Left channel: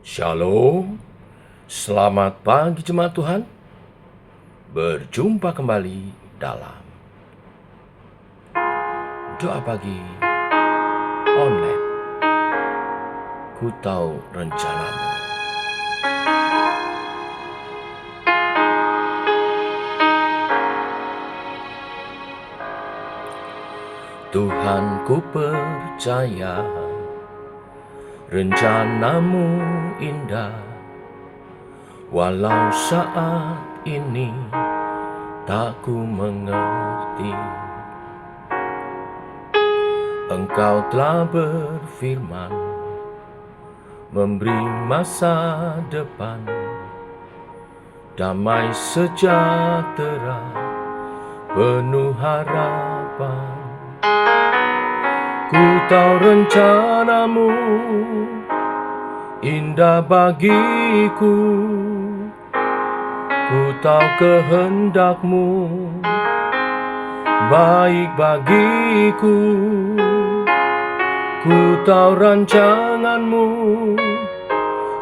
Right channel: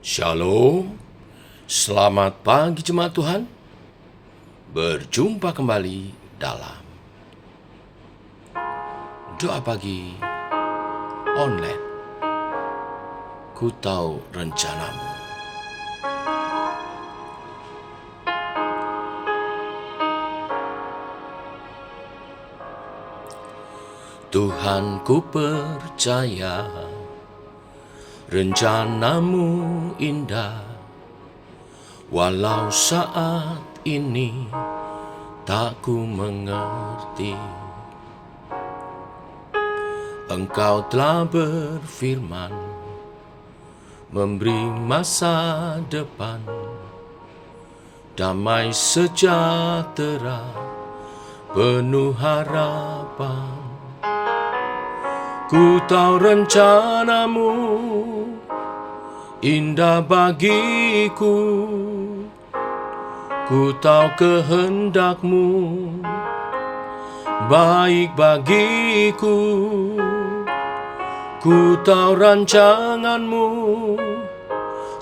Shalom, selamat pagi jemaat Tuhan. Berjumpa kembali dalam doa pagi online. Ku tahu rencanamu. Tuhan, ku percaya rencanamu indah, walau saat ini tak ku mengerti. Engkau telah berfirman, memberi masa depan, damai sejahtera, penuh harapan. Ku tahu rencanamu indah bagiku, ku tahu kehendakmu baik bagiku, ku tahu rancanganmu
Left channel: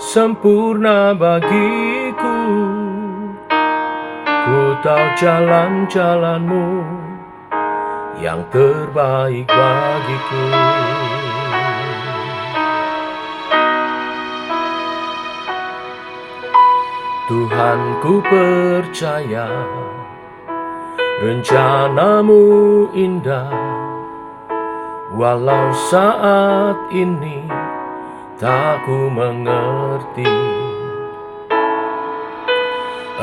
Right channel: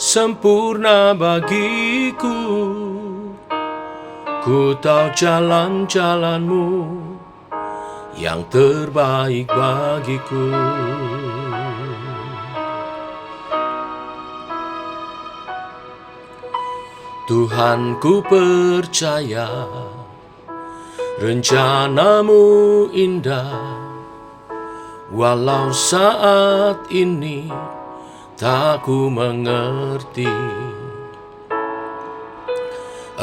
sempurna bagiku, ku tahu jalan-jalanmu yang terbaik bagiku. Tuhan, ku percaya rencanamu indah, walau saat ini tak ku mengerti.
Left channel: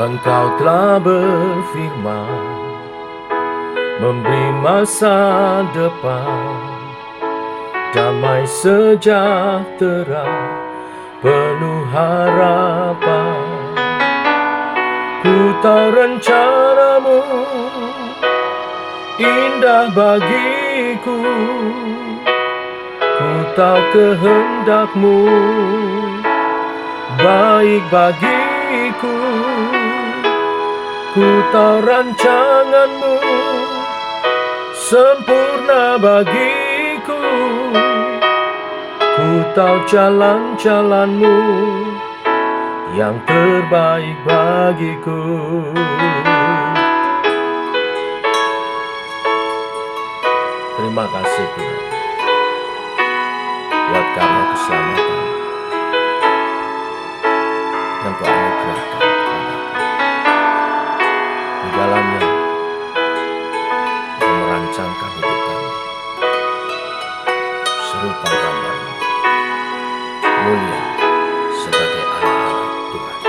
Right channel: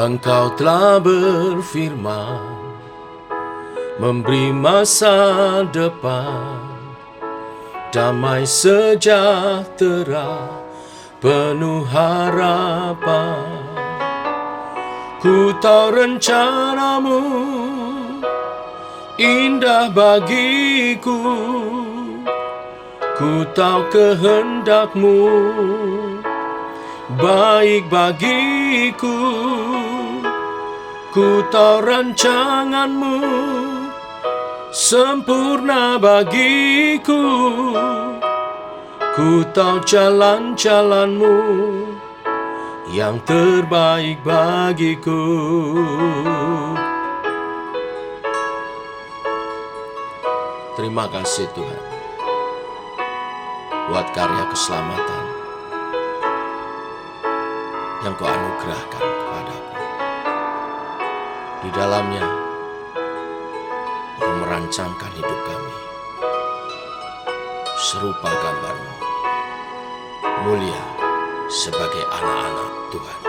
Engkau telah berfirman, memberi masa depan, damai sejahtera, penuh harapan. Ku tahu rencanamu indah bagiku, ku tahu kehendakmu baik bagiku, ku tahu rancanganmu sempurna bagiku, ku tahu jalan-jalanmu yang terbaik bagiku. Terima kasih Tuhan buat karya keselamatan yang Kau anugerahkan kepadaku. Di dalamnya Kau merancangkan hidup kami serupa gambar-Mu, mulia sebagai anak-anak Tuhan.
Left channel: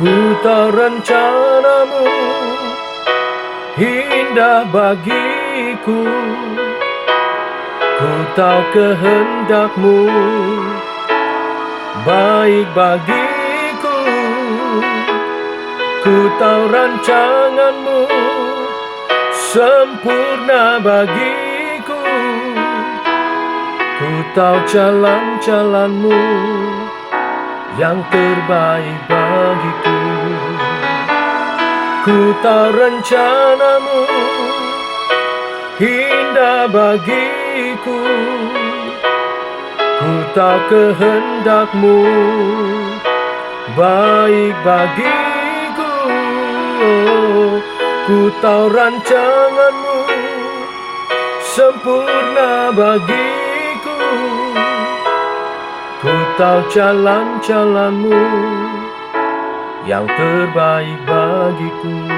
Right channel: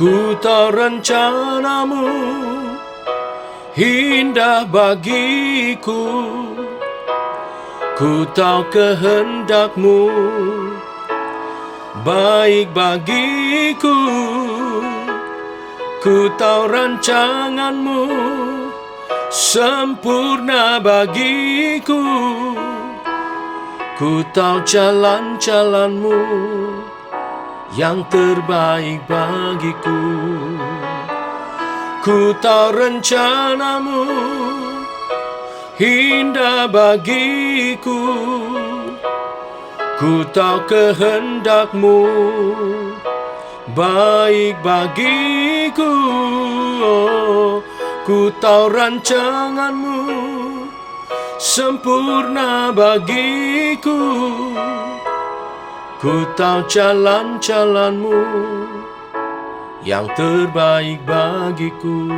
Ku tahu rencanamu indah bagiku, ku tahu kehendakmu baik bagiku, ku tahu rancanganmu sempurna bagiku, ku tahu jalan-jalanmu yang terbaik bagiku. Ku tahu rencanamu indah bagiku, ku tahu kehendakmu baik bagiku, ku tahu rancanganmu sempurna bagiku, ku tahu jalan-jalanmu yang terbaik bagiku,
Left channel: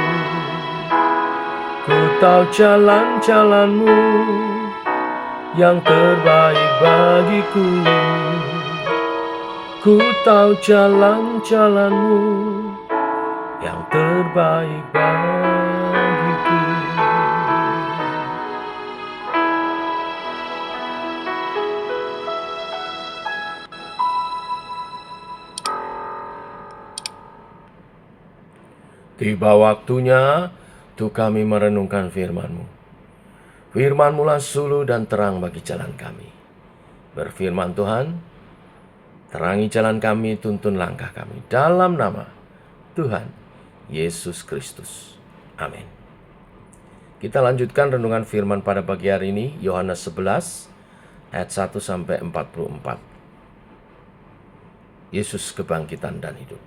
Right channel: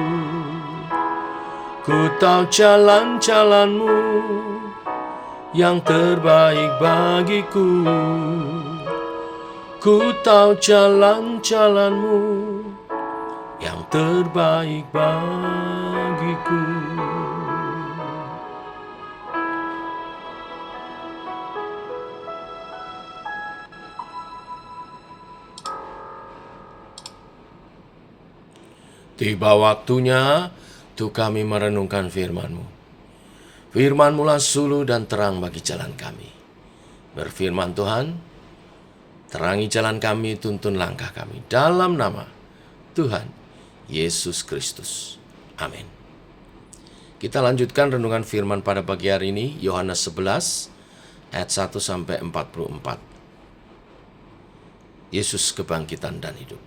ku tahu jalan-jalanmu yang terbaik bagiku, ku tahu jalan-jalanmu yang terbaik bagiku. Tiba waktunya untuk kami merenungkan firman-Mu. Firman-Mu lah suluh dan terang bagi jalan kami. Berfirman Tuhan, terangi jalan kami, tuntun langkah kami. Dalam nama Tuhan Yesus Kristus. Amin. Kita lanjutkan renungan firman pada pagi hari ini, Yohanes 11 ayat 1 sampai 44. Yesus kebangkitan dan hidup.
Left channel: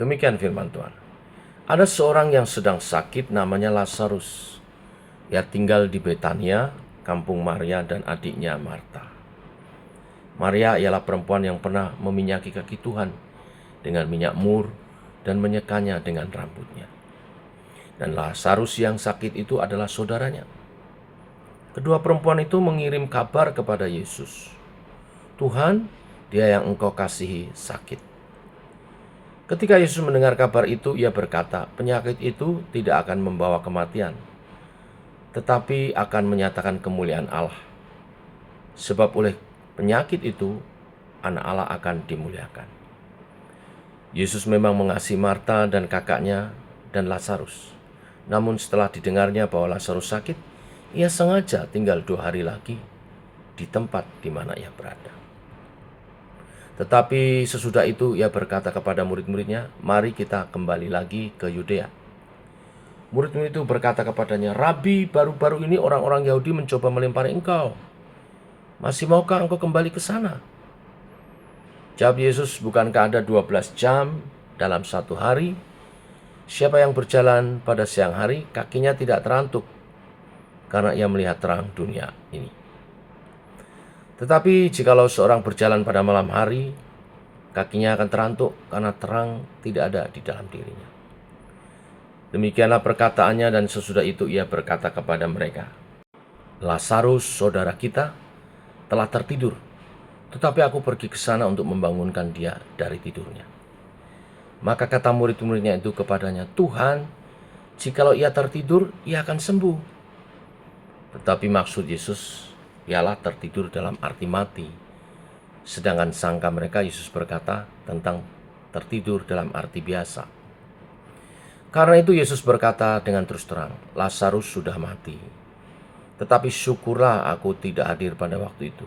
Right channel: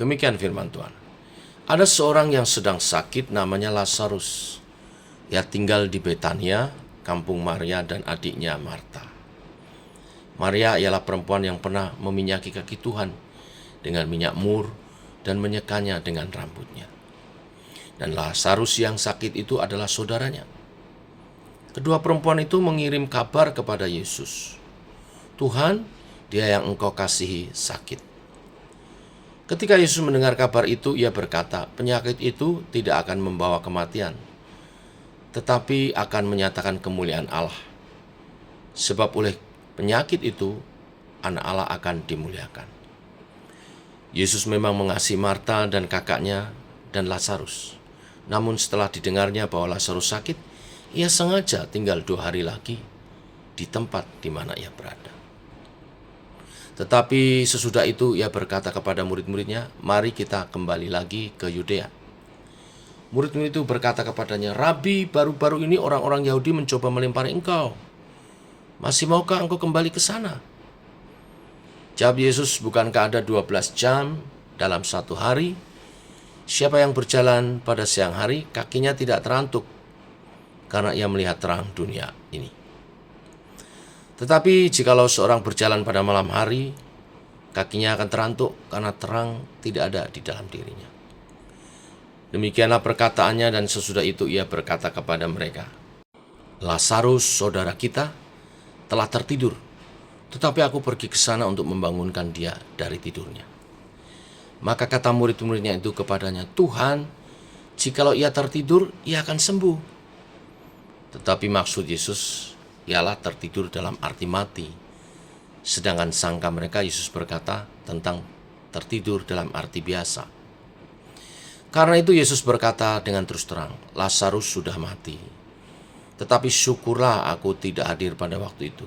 Demikian firman Tuhan. Ada seorang yang sedang sakit namanya Lazarus. Ia tinggal di Betania, kampung Maria dan adiknya Marta. Maria ialah perempuan yang pernah meminyaki kaki Tuhan dengan minyak mur dan menyekanya dengan rambutnya. Dan Lazarus yang sakit itu adalah saudaranya. Kedua perempuan itu mengirim kabar kepada Yesus. Tuhan, dia yang engkau kasihi sakit. Ketika Yesus mendengar kabar itu, ia berkata, penyakit itu tidak akan membawa kematian, tetapi akan menyatakan kemuliaan Allah. Sebab oleh penyakit itu, anak Allah akan dimuliakan. Yesus memang mengasihi Marta dan kakaknya dan Lazarus. Namun setelah didengarnya bahwa Lazarus sakit, ia sengaja tinggal 2 hari lagi di tempat di mana ia berada. Tetapi sesudah itu ia berkata kepada murid-muridnya, mari kita kembali lagi ke Yudea. Murid-murid itu berkata kepadanya, Rabi, baru-baru ini orang-orang Yahudi mencoba melempari engkau. Masih maukah engkau kembali ke sana? Jawab Yesus, bukankah ada 12 jam dalam satu hari? Siapa yang berjalan pada siang hari, kakinya tidak terantuk, karena ia melihat terang dunia ini. Tetapi jikalau seorang berjalan pada malam hari, kakinya akan terantuk, karena terang tidak ada di dalam dirinya. Demikianlah perkataannya, dan sesudah itu ia berkata kepada mereka, Lazarus, saudara kita, telah tertidur, tetapi aku pergi ke sana untuk membangunkan dia dari tidurnya. Maka kata murid-muridnya itu kepadanya, Tuhan, jikalau ia tertidur, ia akan sembuh. Tetapi maksud Yesus ialah tertidur dalam arti mati. Sedangkan sangka mereka Yesus berkata tentang tertidur dalam arti biasa. Karena itu Yesus berkata dengan terus terang, Lazarus sudah mati. Tetapi syukurlah aku tidak hadir pada waktu itu.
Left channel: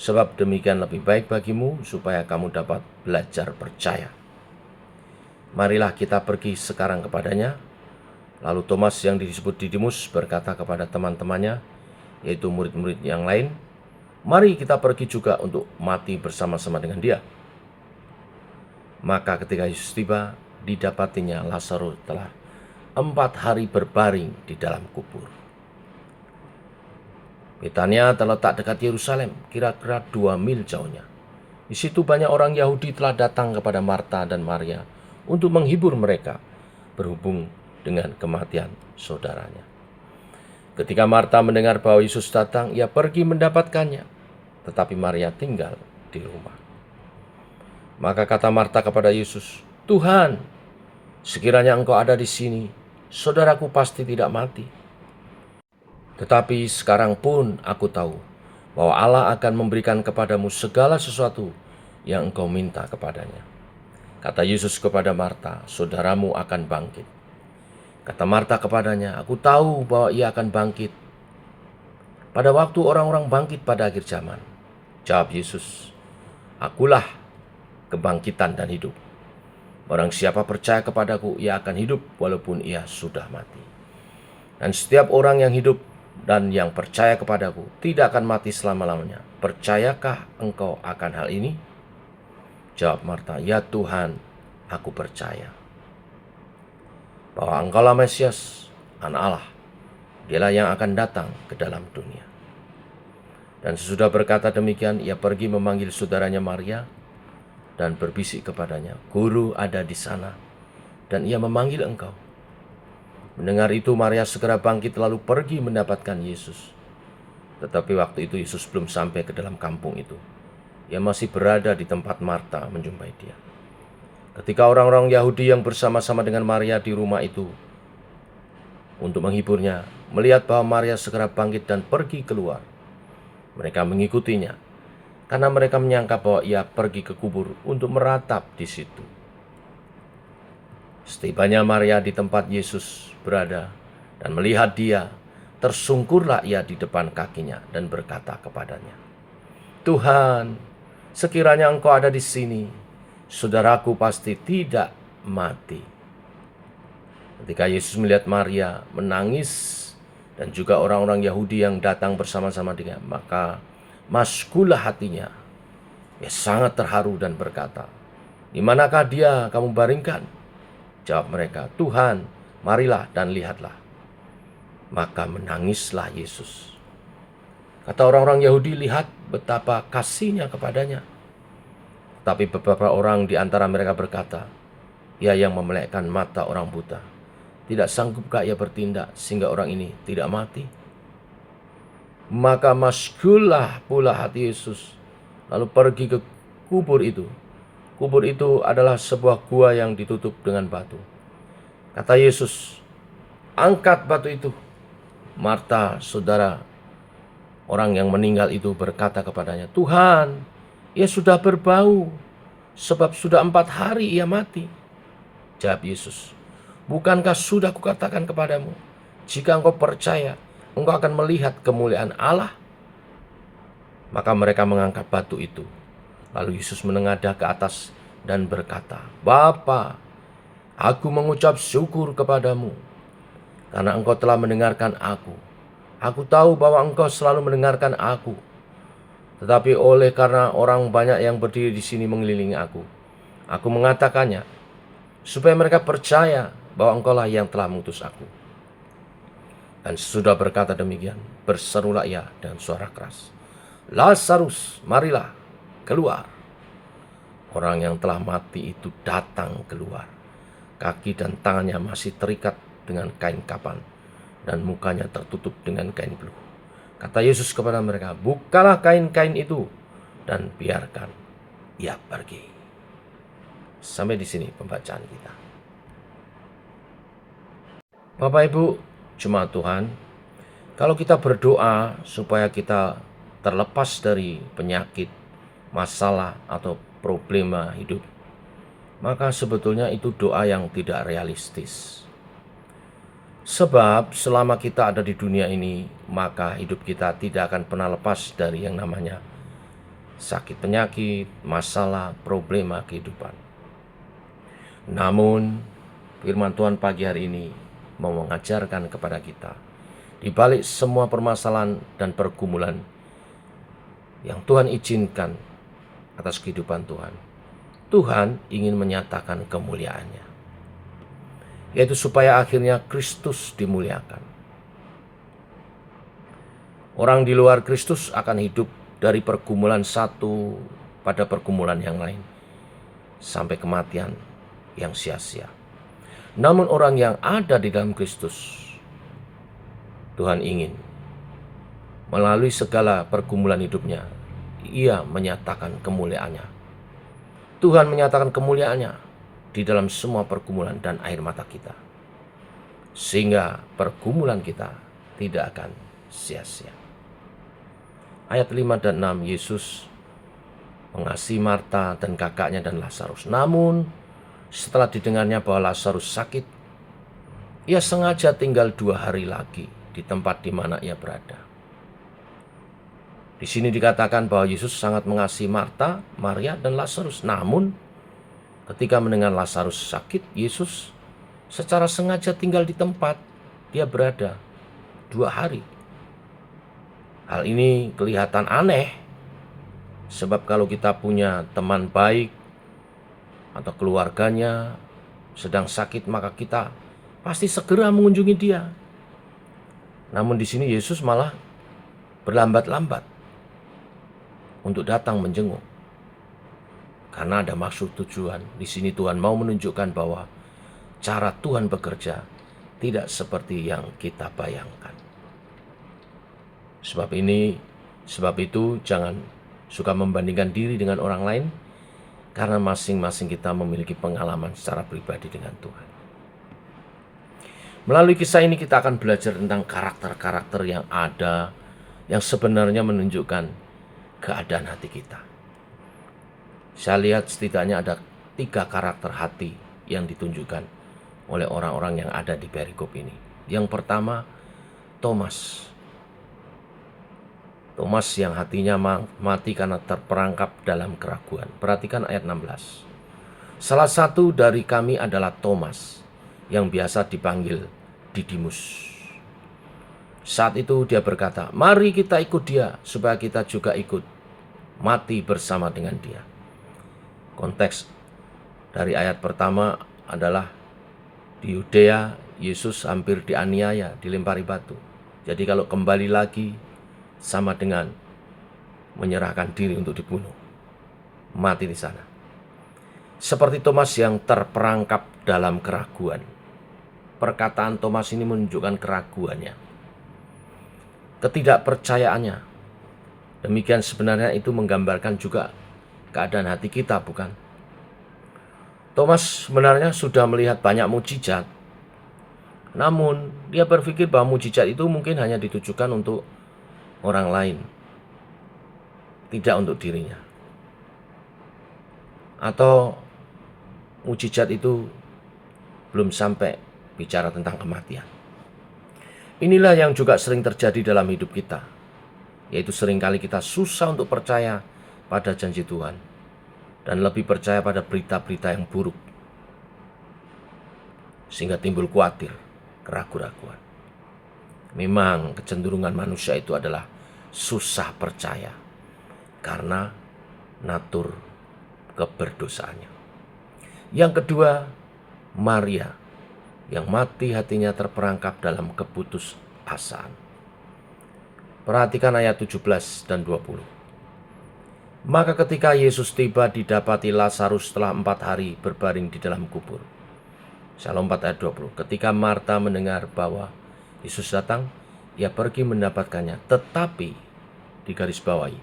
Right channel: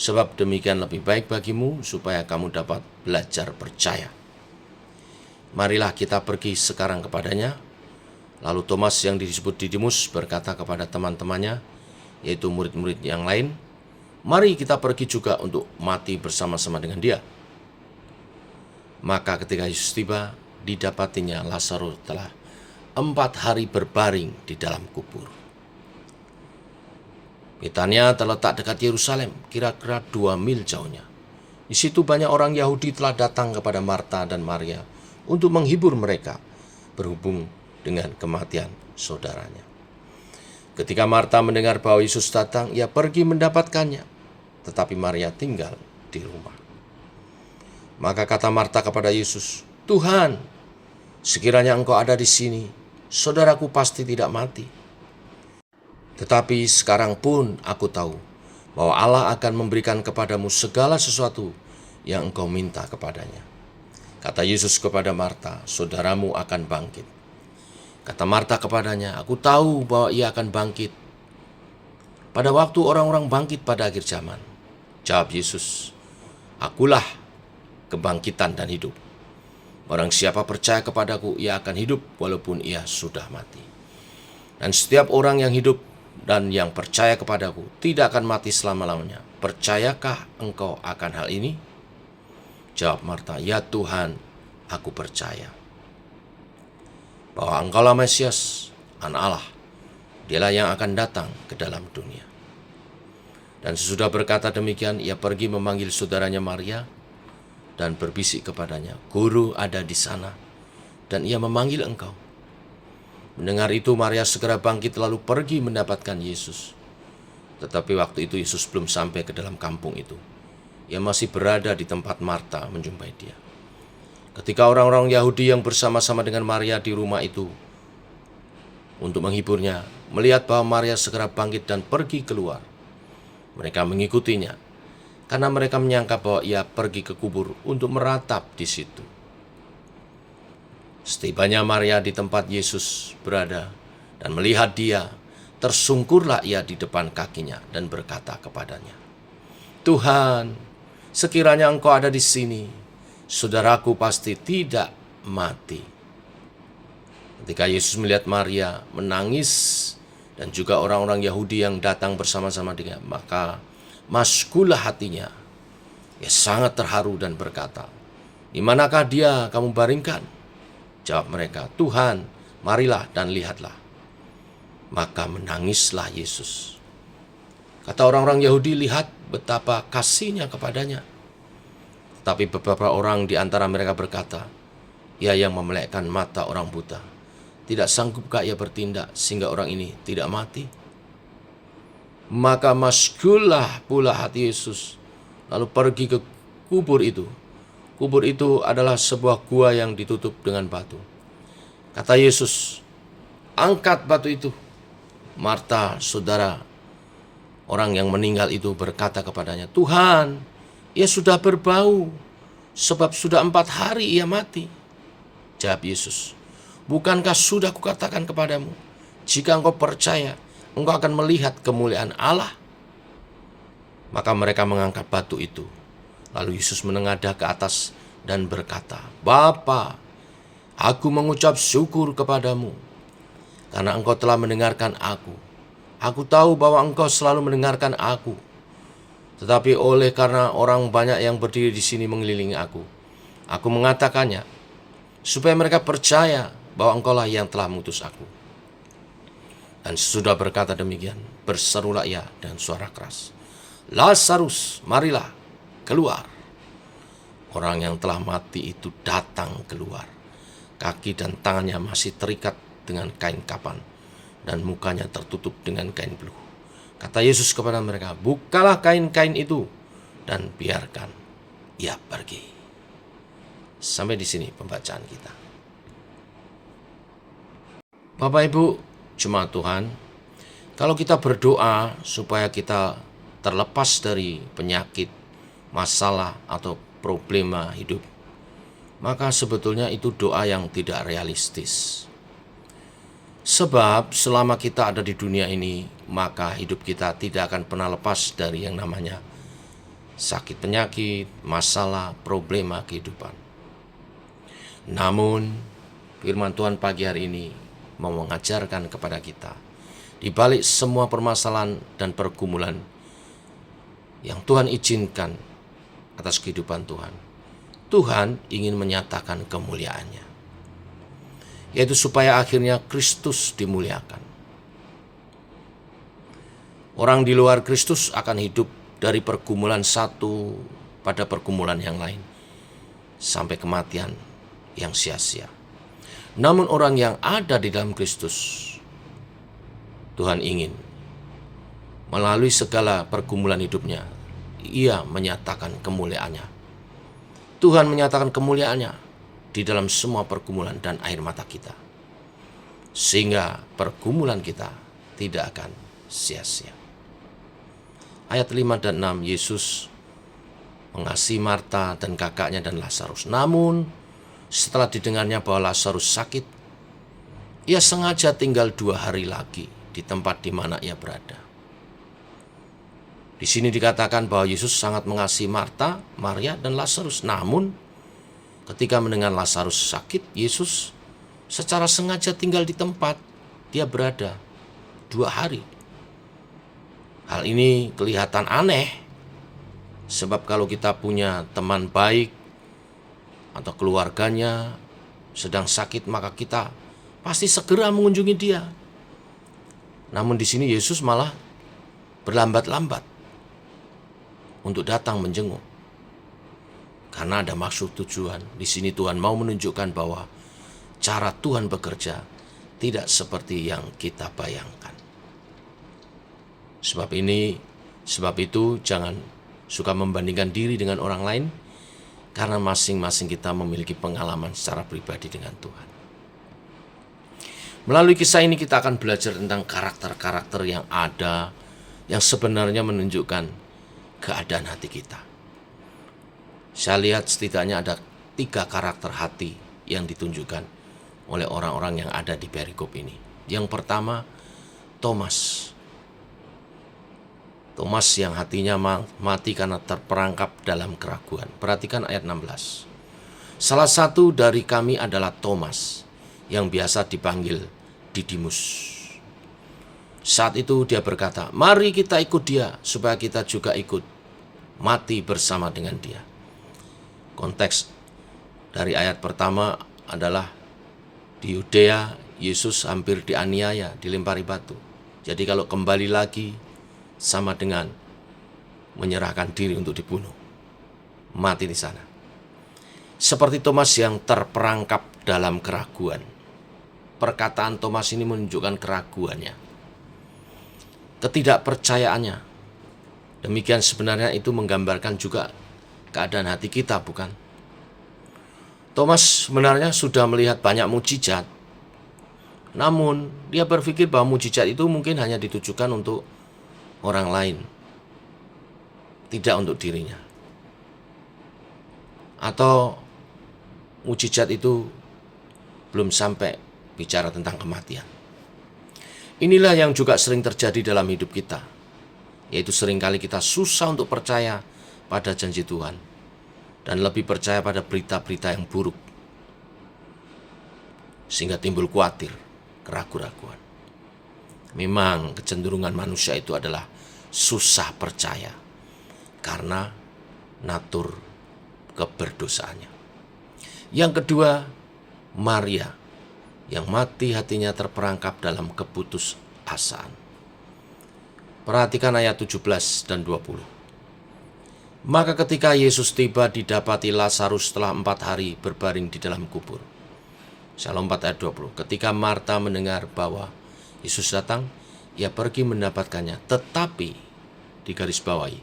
Sebab demikian lebih baik bagimu supaya kamu dapat belajar percaya. Marilah kita pergi sekarang kepadanya. Lalu Thomas yang disebut Didimus berkata kepada teman-temannya, yaitu murid-murid yang lain, mari kita pergi juga untuk mati bersama-sama dengan dia. Maka ketika Yesus tiba, didapatinya Lazarus telah 4 hari berbaring di dalam kubur. Betania terletak dekat Yerusalem, kira-kira 2 mil jauhnya. Di situ banyak orang Yahudi telah datang kepada Marta dan Maria untuk menghibur mereka berhubung dengan kematian saudaranya. Ketika Marta mendengar bahwa Yesus datang, ia pergi mendapatkannya, tetapi Maria tinggal di rumah. Maka kata Marta kepada Yesus, Tuhan, sekiranya engkau ada di sini, saudaraku pasti tidak mati. Tetapi sekarang pun aku tahu bahwa Allah akan memberikan kepadamu segala sesuatu yang engkau minta kepadanya. Kata Yesus kepada Marta, saudaramu akan bangkit. Kata Marta kepadanya, aku tahu bahwa ia akan bangkit pada waktu orang-orang bangkit pada akhir zaman. Jawab Yesus, akulah kebangkitan dan hidup. Barang siapa percaya kepadaku, ia akan hidup walaupun ia sudah mati. Dan setiap orang yang hidup dan yang percaya kepadaku tidak akan mati selama-lamanya. Percayakah engkau akan hal ini? Jawab Marta, ya Tuhan, aku percaya bahwa engkaulah Mesias, Anak Allah, dialah yang akan datang ke dalam dunia. Dan sesudah berkata demikian, ia pergi memanggil saudaranya Maria dan berbisik kepadanya, Guru ada di sana, dan ia memanggil engkau. Mendengar itu, Maria segera bangkit lalu pergi mendapatkan Yesus. Tetapi waktu itu Yesus belum sampai ke dalam kampung itu. Ia masih berada di tempat Marta menjumpai dia. Ketika orang-orang Yahudi yang bersama-sama dengan Maria di rumah itu untuk menghiburnya, melihat bahwa Maria segera bangkit dan pergi keluar, mereka mengikutinya karena mereka menyangka bahwa ia pergi ke kubur untuk meratap di situ. Setibanya Maria di tempat Yesus berada dan melihat dia, tersungkurlah ia di depan kakinya dan berkata kepadanya, Tuhan, sekiranya engkau ada di sini, saudaraku pasti tidak mati. Ketika Yesus melihat Maria menangis dan juga orang-orang Yahudi yang datang bersama-sama dengan, maka maskulah hatinya. Ia sangat terharu dan berkata, "Di manakah dia kamu baringkan?" Jawab mereka, "Tuhan, marilah dan lihatlah." Maka menangislah Yesus. Kata orang-orang Yahudi, "Lihat betapa kasihnya kepadanya." Tapi beberapa orang di antara mereka berkata, "Ia yang memelekkan mata orang buta. Tidak sanggupkah ia bertindak sehingga orang ini tidak mati?" Maka maskullah pula hati Yesus, lalu pergi ke kubur itu. Kubur itu adalah sebuah gua yang ditutup dengan batu. Kata Yesus, "Angkat batu itu." Marta, saudara orang yang meninggal itu, berkata kepadanya, "Tuhan, ia sudah berbau, sebab sudah 4 hari ia mati." Jawab Yesus, "Bukankah sudah kukatakan kepadamu, jika engkau percaya, engkau akan melihat kemuliaan Allah?" Maka mereka mengangkat batu itu. Lalu Yesus menengadah ke atas dan berkata, "Bapa, aku mengucap syukur kepadamu, karena engkau telah mendengarkan aku. Aku tahu bahwa engkau selalu mendengarkan aku. Tetapi oleh karena orang banyak yang berdiri di sini mengelilingi aku mengatakannya, supaya mereka percaya bahwa engkaulah yang telah mengutus aku." Dan sesudah berkata demikian, berserulah ia dengan suara keras, "Lazarus, marilah keluar." Orang yang telah mati itu datang keluar. Kaki dan tangannya masih terikat dengan kain kapan, dan mukanya tertutup dengan kain beluh. Kata Yesus kepada mereka, "Bukalah kain-kain itu dan biarkan ia pergi." Sampai di sini pembacaan kita. Bapak Ibu, jemaat Tuhan, kalau kita berdoa supaya kita terlepas dari penyakit, masalah, atau problema hidup, maka sebetulnya itu doa yang tidak realistis. Sebab selama kita ada di dunia ini, maka hidup kita tidak akan pernah lepas dari yang namanya sakit penyakit, masalah, problema kehidupan. Namun, firman Tuhan pagi hari ini mau mengajarkan kepada kita, di balik semua permasalahan dan pergumulan yang Tuhan izinkan atas kehidupan Tuhan, Tuhan ingin menyatakan kemuliaannya, yaitu supaya akhirnya Kristus dimuliakan. Orang di luar Kristus akan hidup dari pergumulan satu pada pergumulan yang lain, sampai kematian yang sia-sia. Namun orang yang ada di dalam Kristus, Tuhan ingin melalui segala pergumulan hidupnya, ia menyatakan kemuliaannya. Tuhan menyatakan kemuliaannya di dalam semua pergumulan dan air mata kita, sehingga pergumulan kita tidak akan sia-sia. Ayat 5 dan 6, Yesus mengasihi Marta dan kakaknya dan Lazarus. Namun setelah didengarnya bahwa Lazarus sakit, ia sengaja tinggal 2 hari lagi di tempat di mana ia berada. Di sini dikatakan bahwa Yesus sangat mengasihi Marta, Maria, dan Lazarus. Namun ketika mendengar Lazarus sakit, Yesus secara sengaja tinggal di tempat dia berada 2 hari. Hal ini kelihatan aneh, sebab kalau kita punya teman baik atau keluarganya sedang sakit, maka kita pasti segera mengunjungi dia. Namun di sini Yesus malah berlambat-lambat untuk datang menjenguk, karena ada maksud tujuan. Di sini Tuhan mau menunjukkan bahwa cara Tuhan bekerja tidak seperti yang kita bayangkan. Sebab itu jangan suka membandingkan diri dengan orang lain, karena masing-masing kita memiliki pengalaman secara pribadi dengan Tuhan. Melalui kisah ini kita akan belajar tentang karakter-karakter yang ada, yang sebenarnya menunjukkan keadaan hati kita. Saya lihat setidaknya ada 3 karakter hati yang ditunjukkan oleh orang-orang yang ada di perikop ini. Yang pertama, Thomas yang hatinya mati karena terperangkap dalam keraguan. Perhatikan ayat 16. Salah satu dari kami adalah Thomas, yang biasa dipanggil Didimus. Saat itu dia berkata, "Mari kita ikut dia supaya kita juga ikut mati bersama dengan dia." Konteks dari ayat pertama adalah di Yudea Yesus hampir dianiaya, dilempari batu. Jadi kalau kembali lagi sama dengan menyerahkan diri untuk dibunuh, mati di sana. Seperti Thomas yang terperangkap dalam keraguan. Perkataan Thomas ini menunjukkan keraguannya, ketidakpercayaannya. Demikian sebenarnya itu menggambarkan juga keadaan hati kita, bukan? Thomas sebenarnya sudah melihat banyak mukjizat, namun dia berpikir bahwa mukjizat itu mungkin hanya ditujukan untuk orang lain, tidak untuk dirinya. Atau mukjizat itu belum sampai bicara tentang kematian. Inilah yang juga sering terjadi dalam hidup kita, yaitu seringkali kita susah untuk percaya pada janji Tuhan dan lebih percaya pada berita-berita yang buruk, sehingga timbul khawatir, keraguan-raguan. Memang kecenderungan manusia itu adalah susah percaya karena natur keberdosaannya. Yang kedua, Maria yang mati hatinya terperangkap dalam keputusasaan. Perhatikan ayat 17 dan 20. Maka ketika Yesus tiba, didapati Lazarus setelah 4 hari berbaring di dalam kubur. Shalom 4 ayat 20. Ketika Marta mendengar bahwa Yesus datang, ia pergi mendapatkannya. Tetapi di garis bawahi,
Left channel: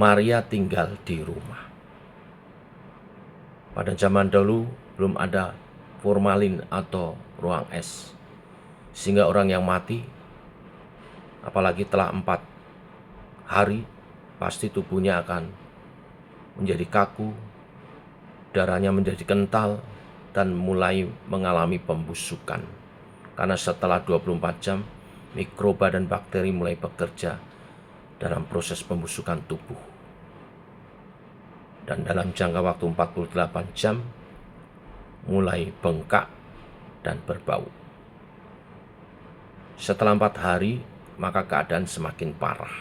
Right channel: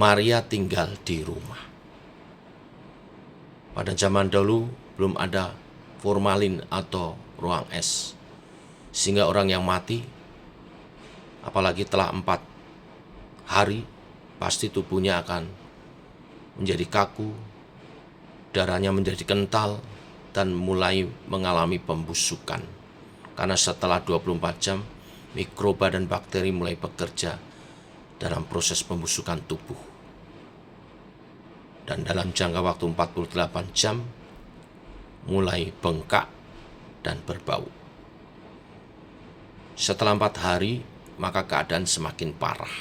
Maria tinggal di rumah. Pada zaman dahulu belum ada formalin atau ruang es, sehingga orang yang mati, apalagi telah 4 hari, pasti tubuhnya akan menjadi kaku, darahnya menjadi kental, dan mulai mengalami pembusukan. Karena setelah 24 jam, mikroba dan bakteri mulai bekerja dalam proses pembusukan tubuh. Dan dalam jangka waktu 48 jam, mulai bengkak dan berbau. Setelah 4 hari, maka keadaan semakin parah.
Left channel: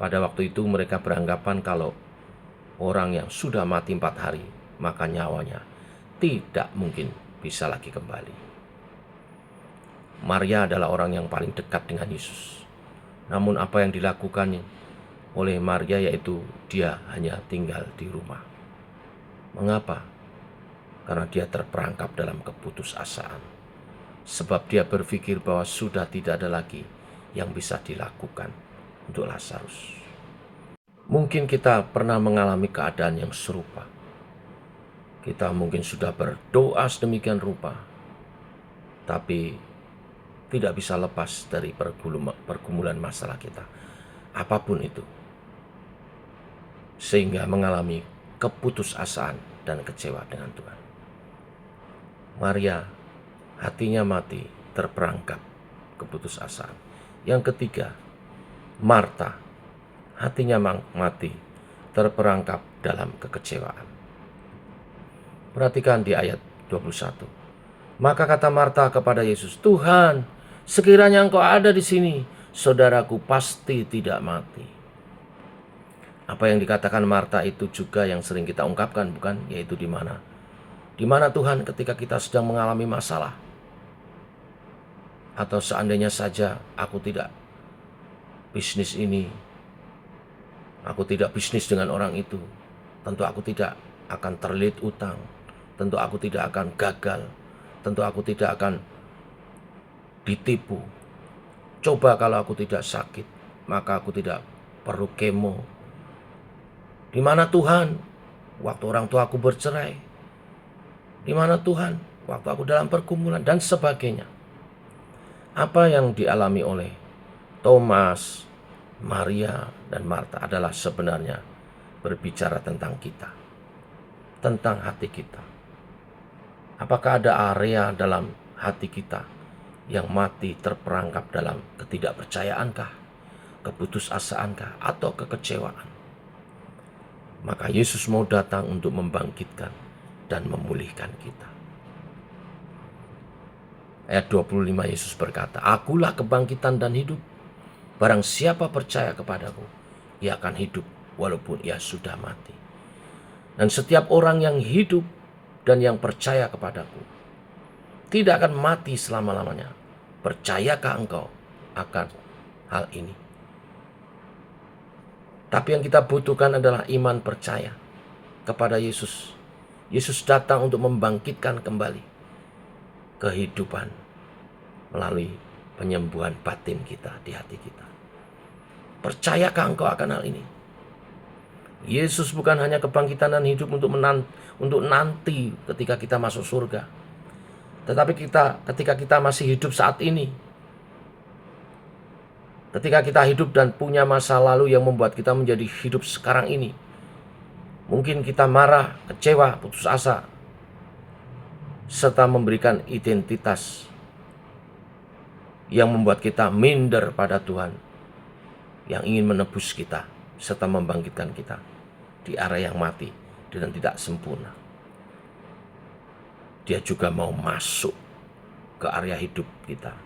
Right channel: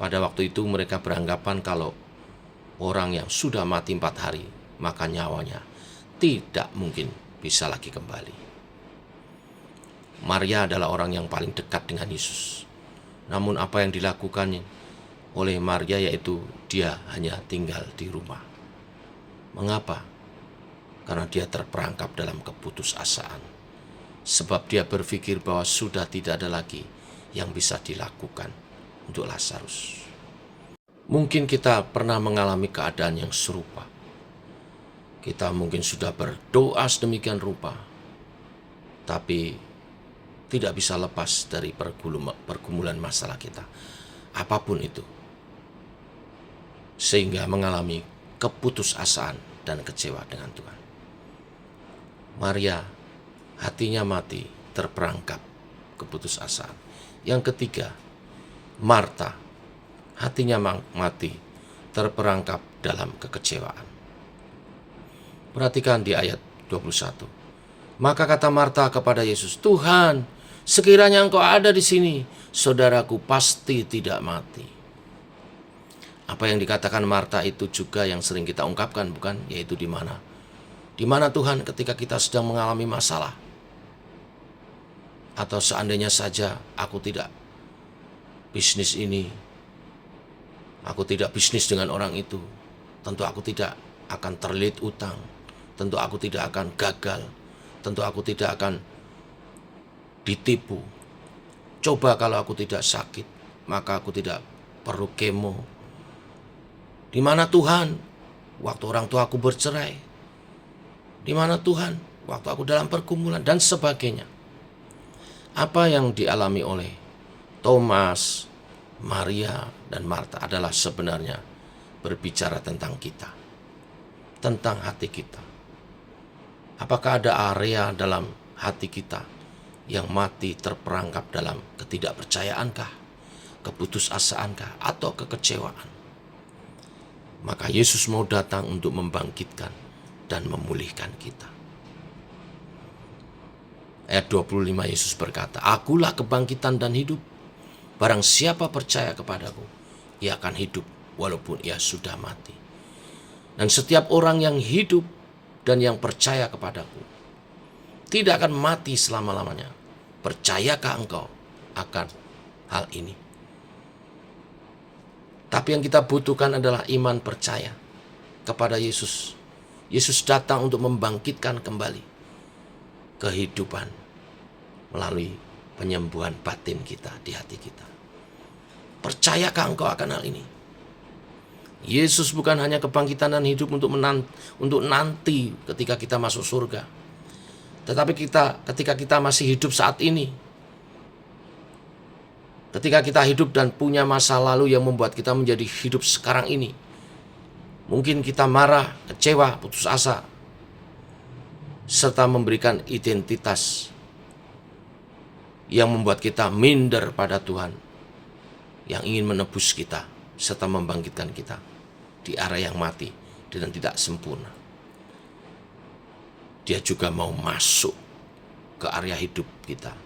Pada waktu itu mereka beranggapan kalau orang yang sudah mati 4 hari, maka nyawanya tidak mungkin bisa lagi kembali. Maria adalah orang yang paling dekat dengan Yesus. Namun apa yang dilakukan oleh Maria yaitu dia hanya tinggal di rumah. Mengapa? Karena dia terperangkap dalam keputusasaan. Sebab dia berpikir bahwa sudah tidak ada lagi yang bisa dilakukan untuk Lazarus. Mungkin kita pernah mengalami keadaan yang serupa. Kita mungkin sudah berdoa sedemikian rupa, tapi tidak bisa lepas dari pergumulan masalah kita, apapun itu, sehingga mengalami keputusasaan dan kecewa dengan Tuhan. Maria hatinya mati terperangkap keputusasaan. Yang ketiga, Marta hatinya mati terperangkap dalam kekecewaan. Perhatikan di ayat 21. Maka kata Marta kepada Yesus, "Tuhan, sekiranya Engkau ada di sini, saudaraku pasti tidak mati." Apa yang dikatakan Marta itu juga yang sering kita ungkapkan, bukan? Yaitu di mana? Di mana Tuhan ketika kita sedang mengalami masalah? Atau seandainya saja aku tidak bisnis ini, aku tidak bisnis dengan orang itu, tentu aku tidak akan terlilit utang, tentu aku tidak akan gagal, tentu aku tidak akan ditipu. Coba kalau aku tidak sakit, maka aku tidak perlu kemo. Di mana Tuhan waktu orang tua aku bercerai? Di mana Tuhan waktu aku dalam pergumulan dan sebagainya? Apa yang dialami oleh Thomas, Maria, dan Marta adalah sebenarnya berbicara tentang kita, tentang hati kita. Apakah ada area dalam hati kita yang mati terperangkap dalam ketidakpercayaankah, keputusasaankah, atau kekecewaan? Maka Yesus mau datang untuk membangkitkan dan memulihkan kita. Ayat 25 Yesus berkata, "Akulah kebangkitan dan hidup. Barang siapa percaya kepadaku, ia akan hidup walaupun ia sudah mati. Dan setiap orang yang hidup dan yang percaya kepadaku tidak akan mati selama-lamanya. Percayakah engkau akan hal ini?" Tapi yang kita butuhkan adalah iman percaya kepada Yesus. Yesus datang untuk membangkitkan kembali kehidupan melalui penyembuhan batin kita di hati kita. Percayakah engkau akan hal ini? Yesus bukan hanya kebangkitan dan hidup untuk nanti ketika kita masuk surga. Tetapi ketika kita masih hidup saat ini, ketika kita hidup dan punya masa lalu yang membuat kita menjadi hidup sekarang ini, mungkin kita marah, kecewa, putus asa, serta memberikan identitas yang membuat kita minder pada Tuhan yang ingin menebus kita serta membangkitkan kita di area yang mati dan tidak sempurna. Dia juga mau masuk ke area hidup kita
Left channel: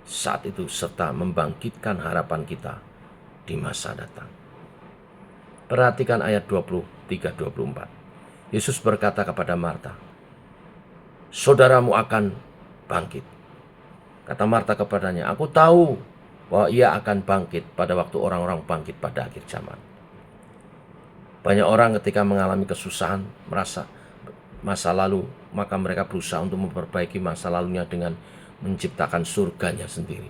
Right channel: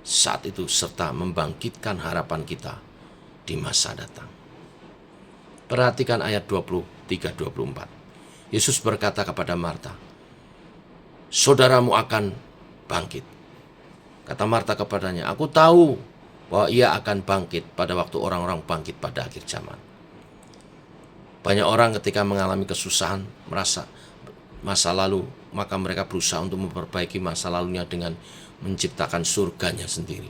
saat itu serta membangkitkan harapan kita di masa datang. Perhatikan ayat 23-24. Yesus berkata kepada Marta, "Saudaramu akan bangkit." Kata Marta kepadanya, "Aku tahu bahwa ia akan bangkit pada waktu orang-orang bangkit pada akhir zaman." Banyak orang ketika mengalami kesusahan, merasa masa lalu, maka mereka berusaha untuk memperbaiki masa lalunya dengan menciptakan surganya sendiri.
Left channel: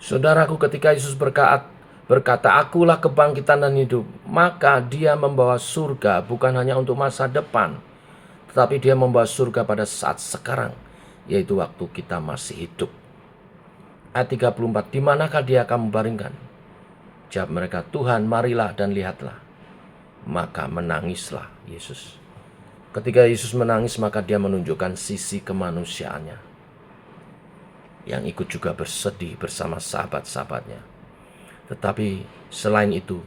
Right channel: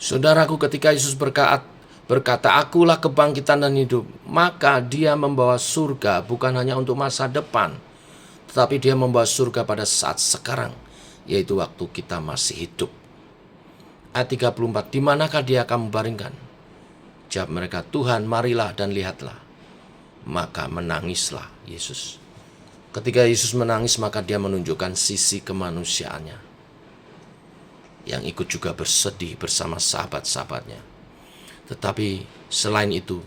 Saudaraku, ketika Yesus berkata, "Akulah kebangkitan dan hidup," maka dia membawa surga bukan hanya untuk masa depan, tetapi dia membawa surga pada saat sekarang, yaitu waktu kita masih hidup. Ayat 34, "Di manakah dia akan membaringkan?" Jawab mereka, "Tuhan, marilah dan lihatlah." Maka menangislah Yesus. Ketika Yesus menangis, maka dia menunjukkan sisi kemanusiaannya, yang ikut juga bersedih bersama sahabat-sahabatnya. Tetapi selain itu,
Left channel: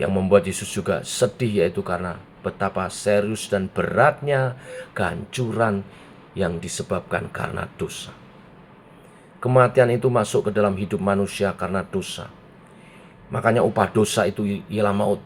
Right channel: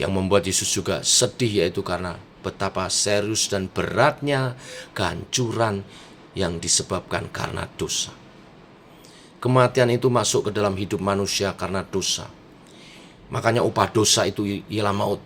yang membuat Yesus juga sedih yaitu karena betapa serius dan beratnya kehancuran yang disebabkan karena dosa. Kematian itu masuk ke dalam hidup manusia karena dosa. Makanya upah dosa itu ialah maut.